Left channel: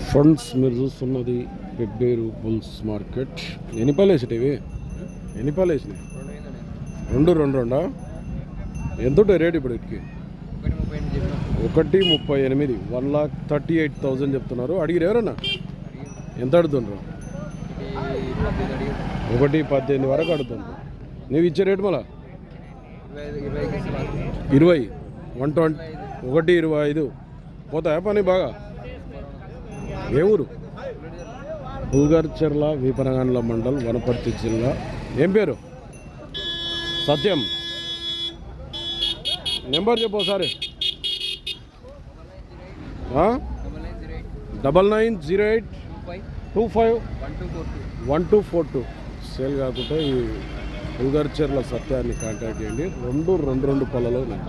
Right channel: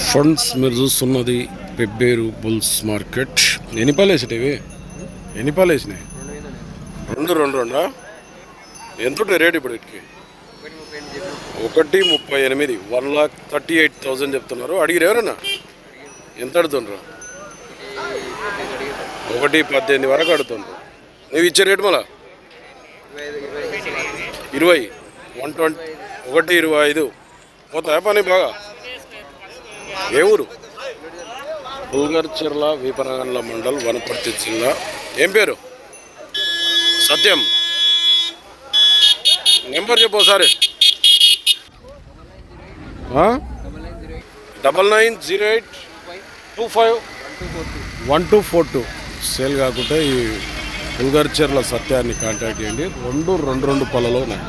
Friends మీరు చూస్తున్నది Pebbair bulls market. ఎన్ని పాలు వేసినాయి ఇవి? ఎన్ని పాలు వేసినాయి? రెండు రెండు రెండా? ఎంత ఉంటుంది రేట్ ఇప్పుడు వీటికి? 1,38,000, 1,38,000 చెప్తున్నారు. అడిగిరు ఎవరన్నా? ఎంత అడుగుతుండ్రు? 1,18,000 వరకు అడుగుతుండ్రు. నువ్వు ఇచ్చే రేటు మళ్ళా 20, 120, 1,25 పోతాయా పని బాగా? ఏ ఊరు? పుల్గర్చెర్ల, వీపనగండ్ల మండల్, వనపర్తి జిల్లా. ఏం పేరు? సత్యం. నెంబర్ చెప్పు ఒకసారి. 9908251242. సేల్ కాకుండా ఈ పుల్గర్చెర్ల సత్యాన్ని కాంటాక్ట్ చేయండి. రెండు పళ్ళలో ఉన్నాయి.